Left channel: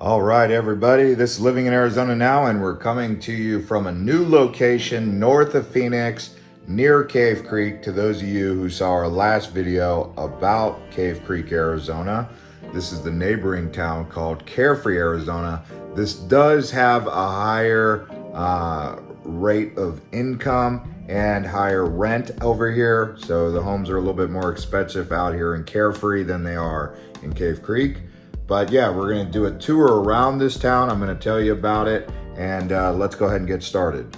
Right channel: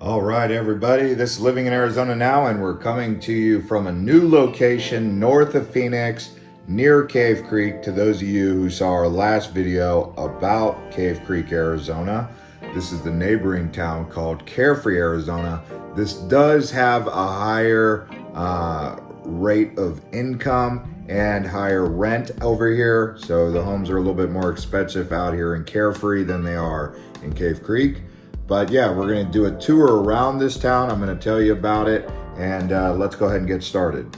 All right, everybody, this is Living in Arizona Now, and we're coming to you from a new location north of Phoenix, near Cave Creek. To those of you who saw our last video about Cave Creek, Arizona, this is the neighboring town called Carefree, Arizona. This does have a higher rate of income and higher rent over here, so the homes are a little bit more expensive out here in Carefree than they are in Cave Creek. But yeah, we're gonna do a tour around this town. I'm gonna tell you about it, and let's go ahead and get started.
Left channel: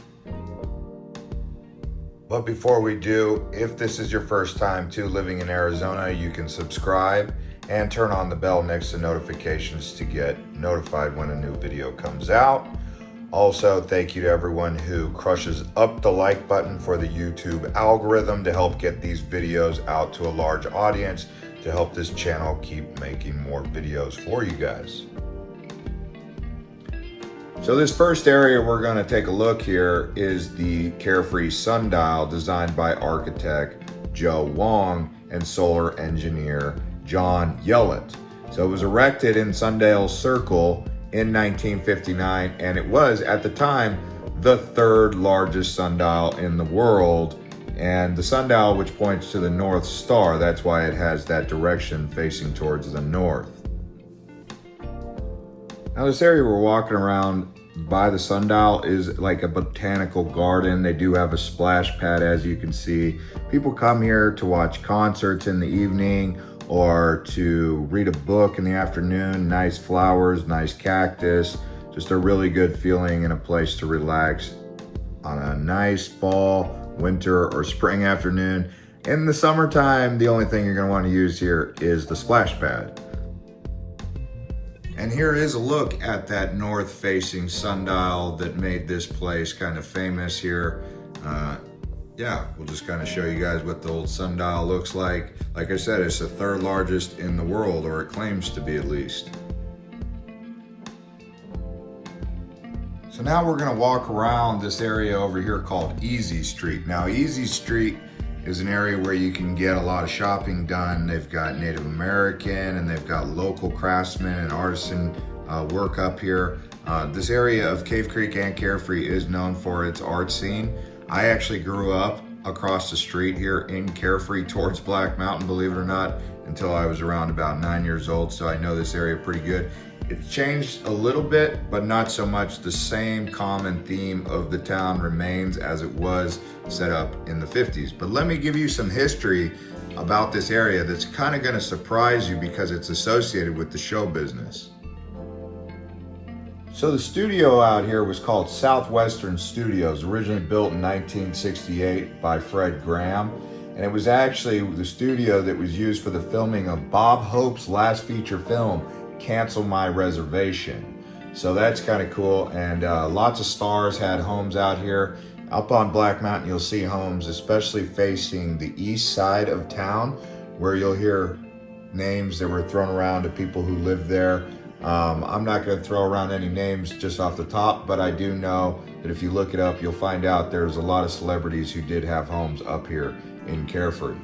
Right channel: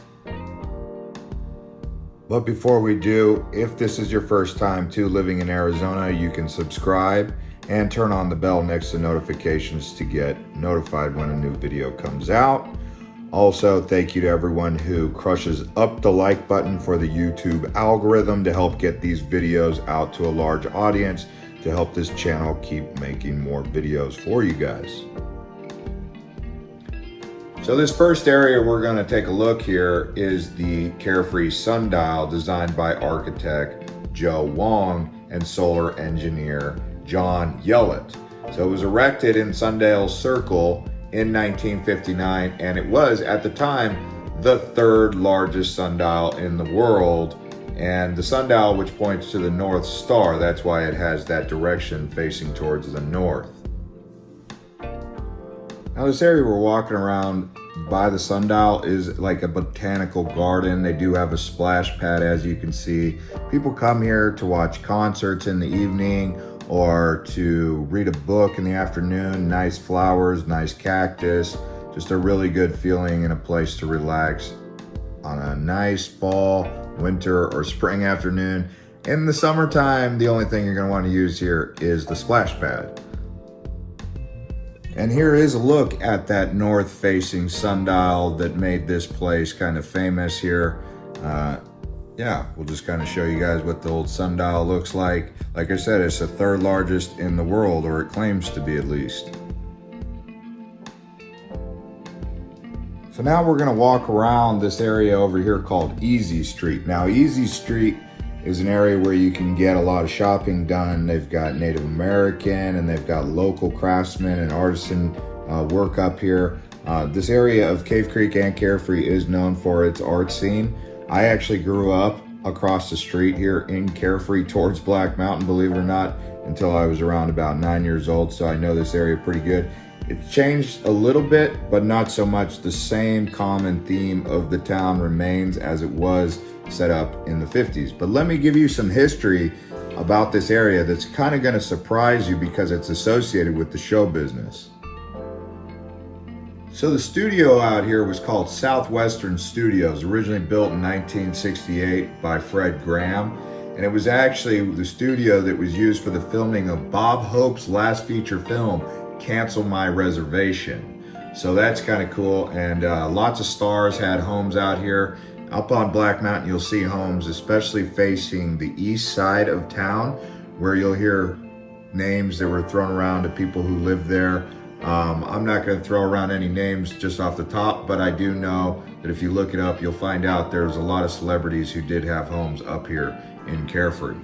But before we do, if this is your first time to Living in Arizona, you can subscribe and turn on the bell next to notifications to get notified when a new video comes out. Also, thank you to everyone who crushes up the like button for the YouTube algorithm to help get these videos out to a large audience, to help this channel keep making more videos for you guys. So this first area we're going to take a look here is the Carefree Sundial, designed by architect Joe Wong and solar engineer John Yellett. So it was erected in Sundial Circle in 1959, and it was at the time the third largest sundial in the world. And the sundial, which points to the North Star, that's why it has that direction facing towards the north. Now this area we're walking around by the sundial is like a botanical garden. They do have a splash pad, as you can see. People come here to watch concerts in the evening or to read a book in the afternoon. Nice flowers, nice cactus, just a really good feeling and a place to relax on a nice fall, winter, or spring afternoon. In the summertime, the only thing you're going to want to use here is the splash pad. And here is a look at that north-facing sundial that made this place kind of famous here. Yeah, we'll just kind of show you guys what the old sundial looks like. Like I said, it's the third largest in the world, or it claims to be at least. So now we're gonna walk around this area over here called Easy Street. Now, Easy Street is an area where you can get a lot of shopping done. They've got Native American and they've got local craftsmen and artisan work up here. This area of Cave Creek and Carefree is known for its art scene. I actually grew up across the street here in Carefree towards Black Mountain, believe it or not, until I was around about 9 years old, so I know this area pretty good. It's changed a little bit, but not so much. The same common theme of the town remains as it was set up in the 50s. But let me give you some history about this area that's kind of going to surprise you because it's associated with the show business. So the studio out here was called Southwestern Studios, originally built in 1968 by Fred Graham. And it was actually the studio that was used for the filming of Bob Hope's last feature film, Cancel My Reservation. So that's kind of cool. And lots of stars had homes out here. Up on Black Mountain, you'll see homes, especially facing the east side of town, where you'll hear names that were thrown around to people who live there. I'm not going to throw around any names just off the top, but I do know that if you look it up, you'll find out there's a lot of celebrities who did have homes up here in Carefree.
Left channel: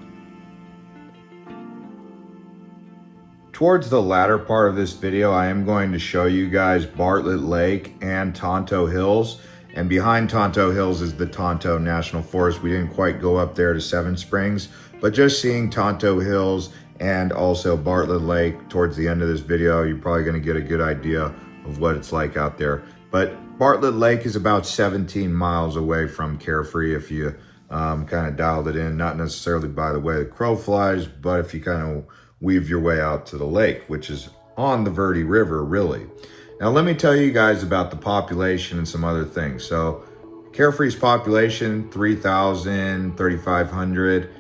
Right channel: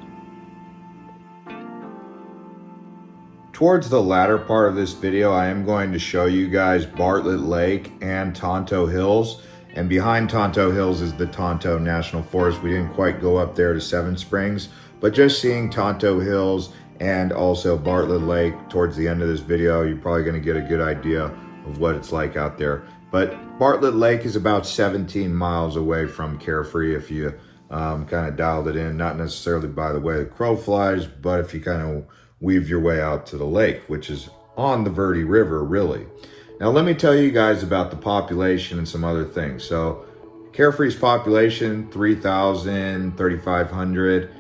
Towards the latter part of this video, I am going to show you guys Bartlett Lake and Tonto Hills. And behind Tonto Hills is the Tonto National Forest. We didn't quite go up there to Seven Springs, but just seeing Tonto Hills and also Bartlett Lake towards the end of this video, you're probably going to get a good idea of what it's like out there. But Bartlett Lake is about 17 miles away from Carefree if you kind of dialed it in, not necessarily by the way the crow flies, but if you kind of weave your way out to the lake, which is on the Verde River, really. Now, let me tell you guys about the population and some other things. So Carefree's population, 3,000, 3,500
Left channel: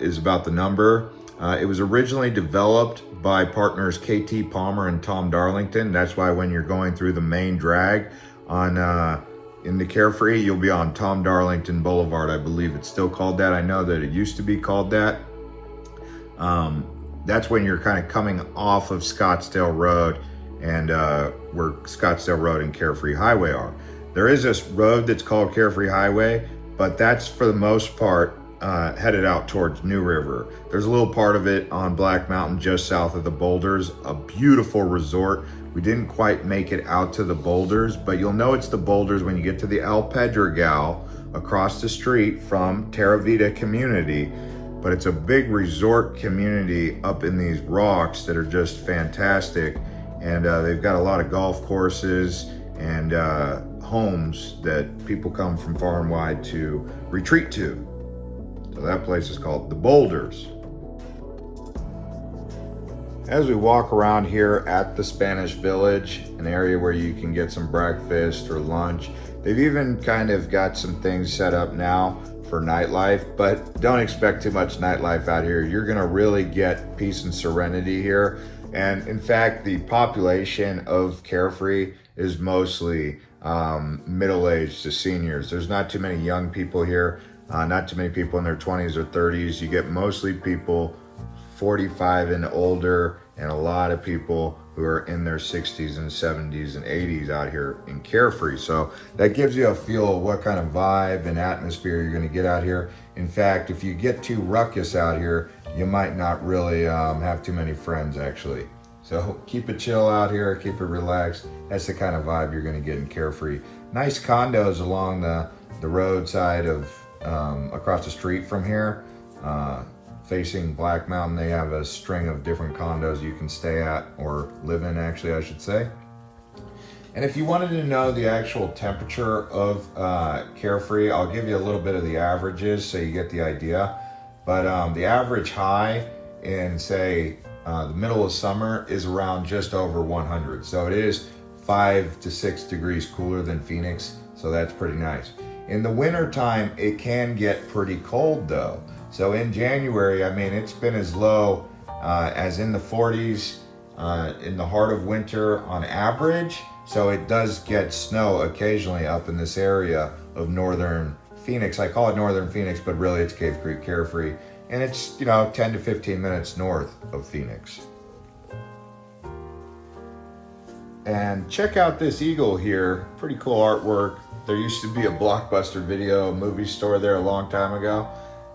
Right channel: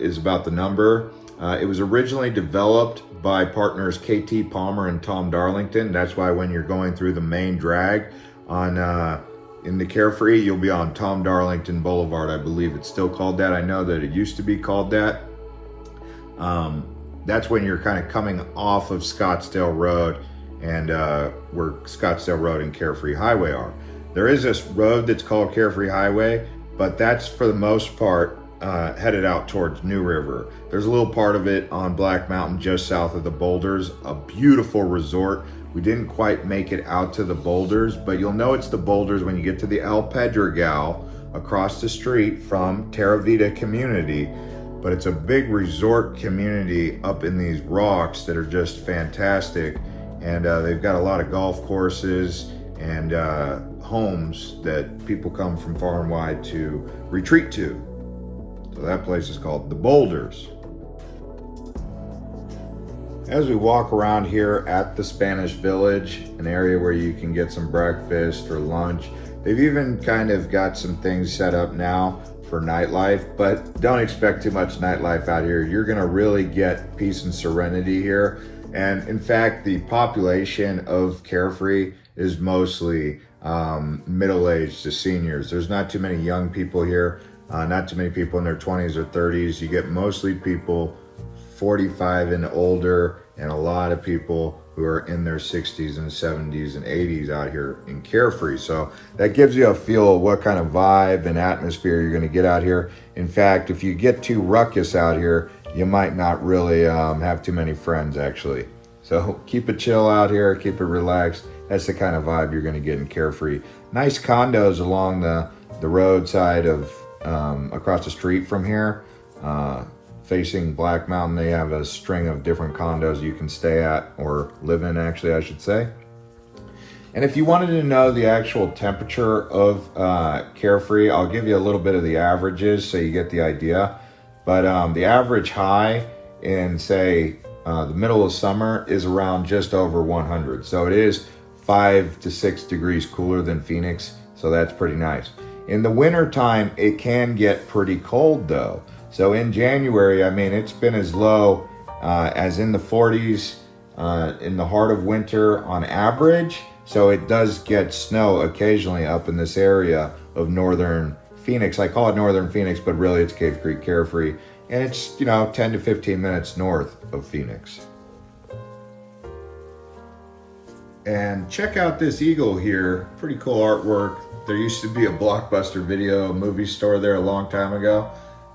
is about the number. It was originally developed by partners KT Palmer and Tom Darlington. That's why when you're going through the main drag on in the Carefree, you'll be on Tom Darlington Boulevard. I believe it's still called that. I know that it used to be called that. That's when you're kind of coming off of Scottsdale Road and where Scottsdale Road and Carefree Highway are. There is this road that's called Carefree Highway, but that's for the most part headed out towards New River. There's a little part of it on Black Mountain just south of the boulders, a beautiful resort. We didn't quite make it out to the boulders, but you'll know it's the boulders when you get to the El Pedregal across the street from Terra Vida community. But it's a big resort community up in these rocks that are just fantastic. And they've got a lot of golf courses and homes that people come from far and wide to retreat to. So that place is called The Boulders. As we walk around here at the Spanish Village, an area where you can get some breakfast or lunch, they've even kind of got some things set up now for nightlife, but don't expect too much nightlife out here. You're gonna really get peace and serenity here. And in fact, the population of Carefree is mostly middle-aged to seniors. There's not too many young people here, not too many people in their 20s or 30s. You get mostly people 45 and older, and a lot of people who are in their 60s and 70s and 80s out here in Carefree. So that gives you a feel of what kind of vibe and atmosphere you're gonna get out here. In fact, if you get too ruckus out here, you might not really have too many friends actually. So keep it chill out here, keep it relaxed. That's the kind of vibe you're gonna get in Carefree. Nice condos along the roadside of across the street from here. Facing Black Mountain, they have a string of different condos you can stay at, or live in actually, I should say. And if you wanted to know the actual temperature of Carefree, I'll give you a little bit of the averages so you get the idea. But the average high in, say, the middle of summer is around just over 100. So it is 5 to 6 degrees cooler than Phoenix, so that's pretty nice. In the winter time, it can get pretty cold though. So in January, I mean, it's been as low as in the 40s in the heart of winter on average. So it does get snow occasionally up in this area of northern Phoenix. I call it northern Phoenix, but really it's Cave Creek Carefree. And it's, 10 to 15 minutes north of Phoenix. And check out this eagle here, pretty cool artwork. There used to be a Blockbuster Video movie store there a long time ago.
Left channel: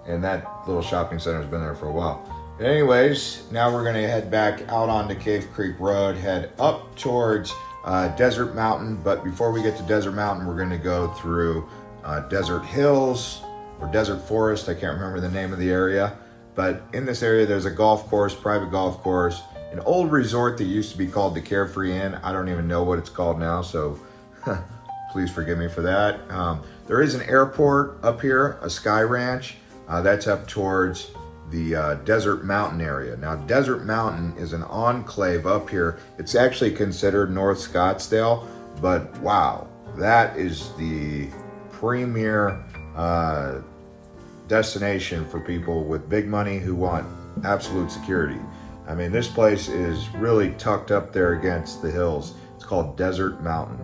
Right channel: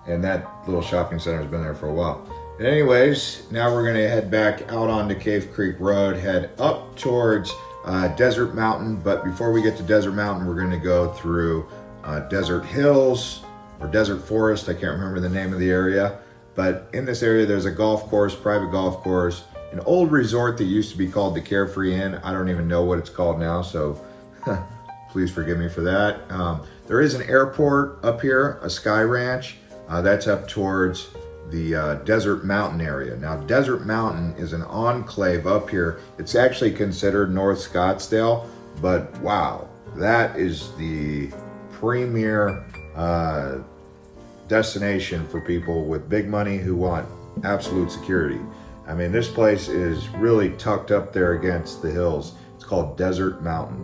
And that little shopping center has been there for a while. But anyways, now we're gonna head back out onto Cave Creek Road, head up towards Desert Mountain. But before we get to Desert Mountain, we're gonna go through Desert Hills or Desert Forest. I can't remember the name of the area. But in this area, there's a golf course, private golf course, an old resort that used to be called the Carefree Inn. I don't even know what it's called now, so please forgive me for that. There is an airport up here, a sky ranch. That's up towards the Desert Mountain area. Now, Desert Mountain is an enclave up here. It's actually considered North Scottsdale, but wow, that is the premier destination for people with big money who want absolute security. I mean, this place is really tucked up there against the hills. It's called Desert Mountain.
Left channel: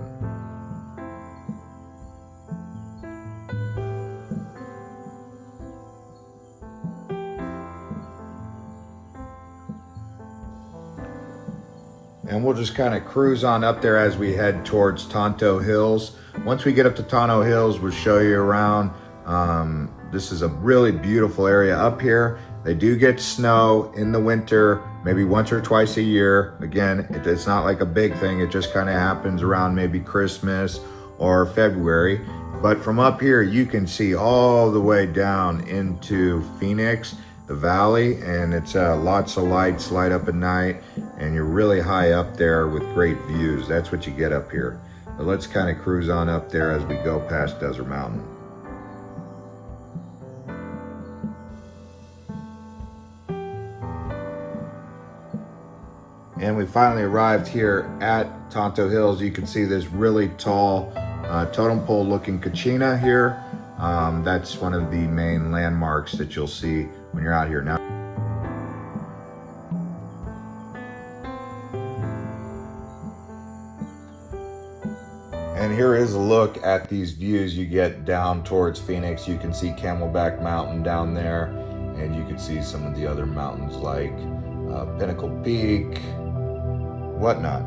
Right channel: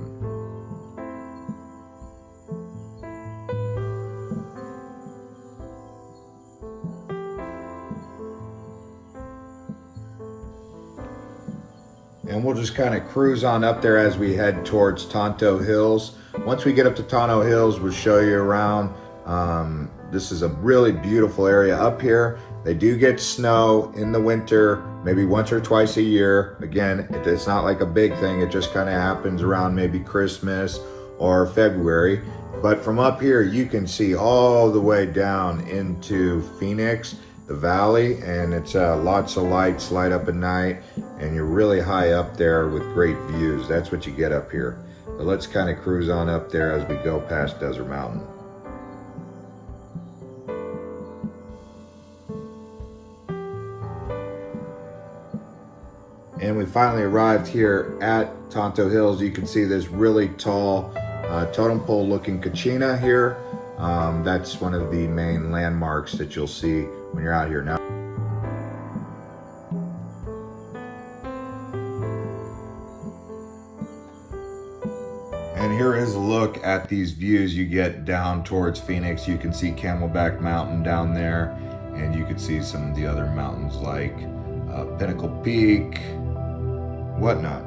And we'll just kind of cruise on up there as we head towards Tonto Hills. Once we get up to Tonto Hills, we'll show you around. This is a really beautiful area up here. They do get snow in the winter, maybe once or twice a year. Again, it's not like a big thing. It just kind of happens around maybe Christmas or February. But from up here, you can see all the way down into Phoenix, the valley, and it's lots of lights light up at night, and you're really high up there with great views. That's what you get up here. But let's kind of cruise on up there as we go past Desert Mountain. And we finally arrived here at Tonto Hills. You can see this really tall totem pole looking kachina here. That's one of the main landmarks that you'll see when you're out here now. And here is a look at these views you get down towards Phoenix. You can see Camelback Mountain down there, and you can see some of the other mountains like Pinnacle Peak, whatnot.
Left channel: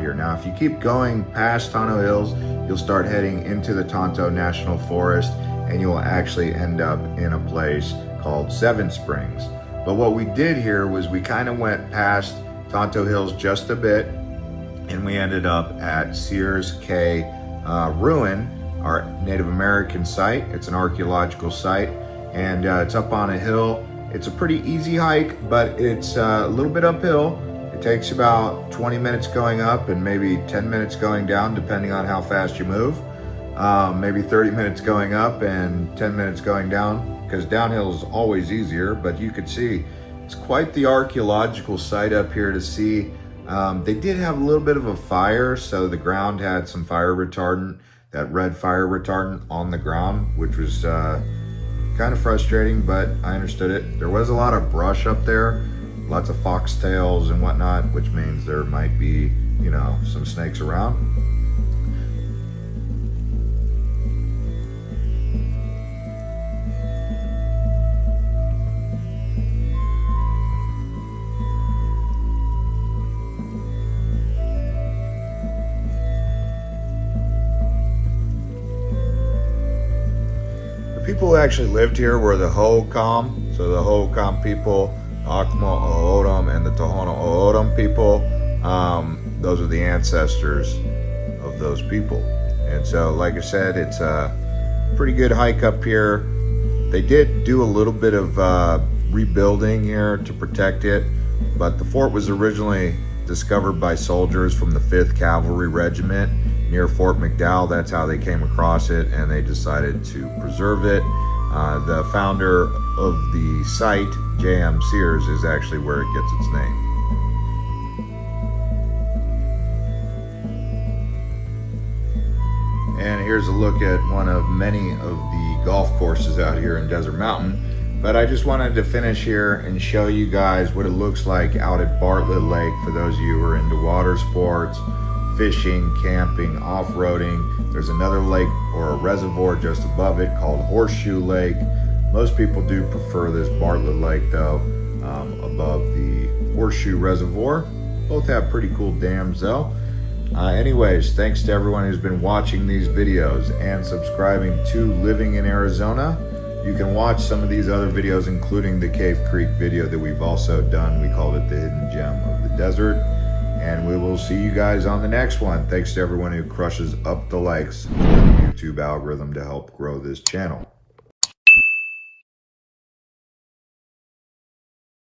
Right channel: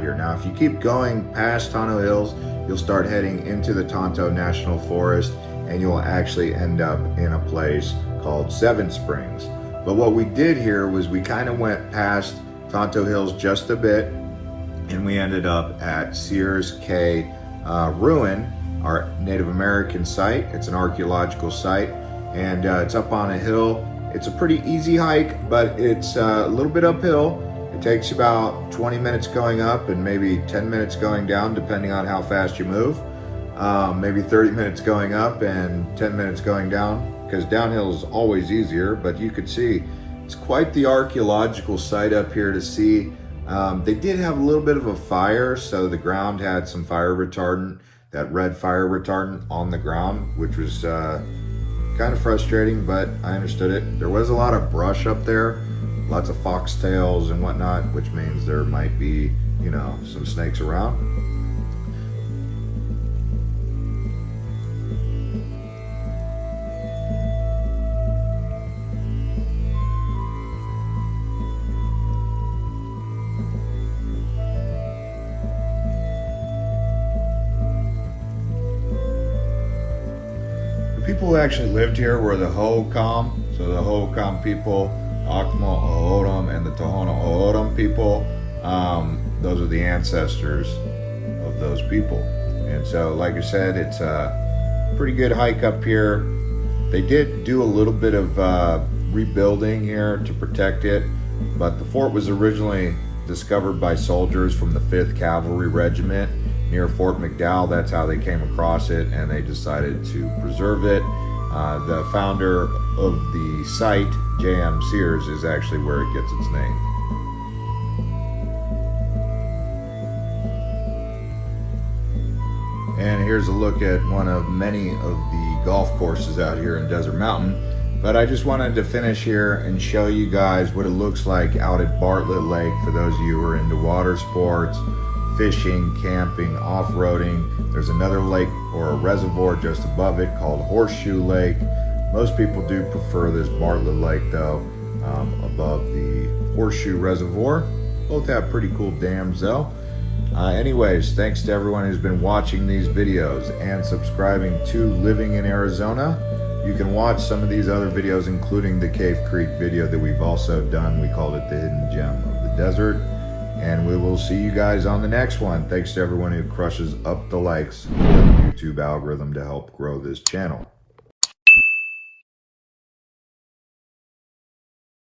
here. Now, if you keep going past Tonto Hills, you'll start heading into the Tonto National Forest, and you will actually end up in a place called Seven Springs. But what we did here was we kind of went past Tonto Hills just a bit, and we ended up at Sears Cay Ruin, our Native American site. It's an archaeological site, and it's up on a hill. It's a pretty easy hike, but it's a little bit uphill. It takes about 20 minutes going up and maybe 10 minutes going down, depending on how fast you move. Maybe 30 minutes going up and 10 minutes going down, because downhill is always easier. But you could see it's quite the archaeological site up here to see. They did have a little bit of a fire, so the ground had some fire retardant, that red fire retardant on the ground, which was kind of frustrating, but I understood it. There was a lot of brush up there, lots of foxtails and whatnot, which means there might be, you know, some snakes around. People who actually lived here were the Hohokam. So the Hohokam people, Akma O'odham, and the Tohono O'odham people. Those are the ancestors of those people. And so, like I said, it's a pretty good hike up here. They did do a little bit of rebuilding here to protect it, but the fort was originally discovered by soldiers from the 5th Cavalry Regiment near Fort McDowell. That's how they came across it, and they decided to preserve it. The founder of the site, J.M. Sears, is actually where it gets its name. And here's a look at one of many of the golf courses out here in Desert Mountain. But I just wanted to finish here and show you guys what it looks like out at Bartlett Lake for those of you who are into water sports, fishing, camping, off-roading. There's another lake or a reservoir just above it called Horseshoe Lake. Most people do prefer this Bartlett Lake though, above the Horseshoe Reservoir. Both have pretty cool dams though. Anyways, thanks to everyone who's been watching these videos and subscribing to Living in Arizona. You can watch some of these other videos, including the Cave Creek video that we've also done. We call it the Hidden Gem of the Desert. And we will see you guys on the next one. Thanks to everyone who crushes up the likes on the YouTube algorithm to help grow this channel.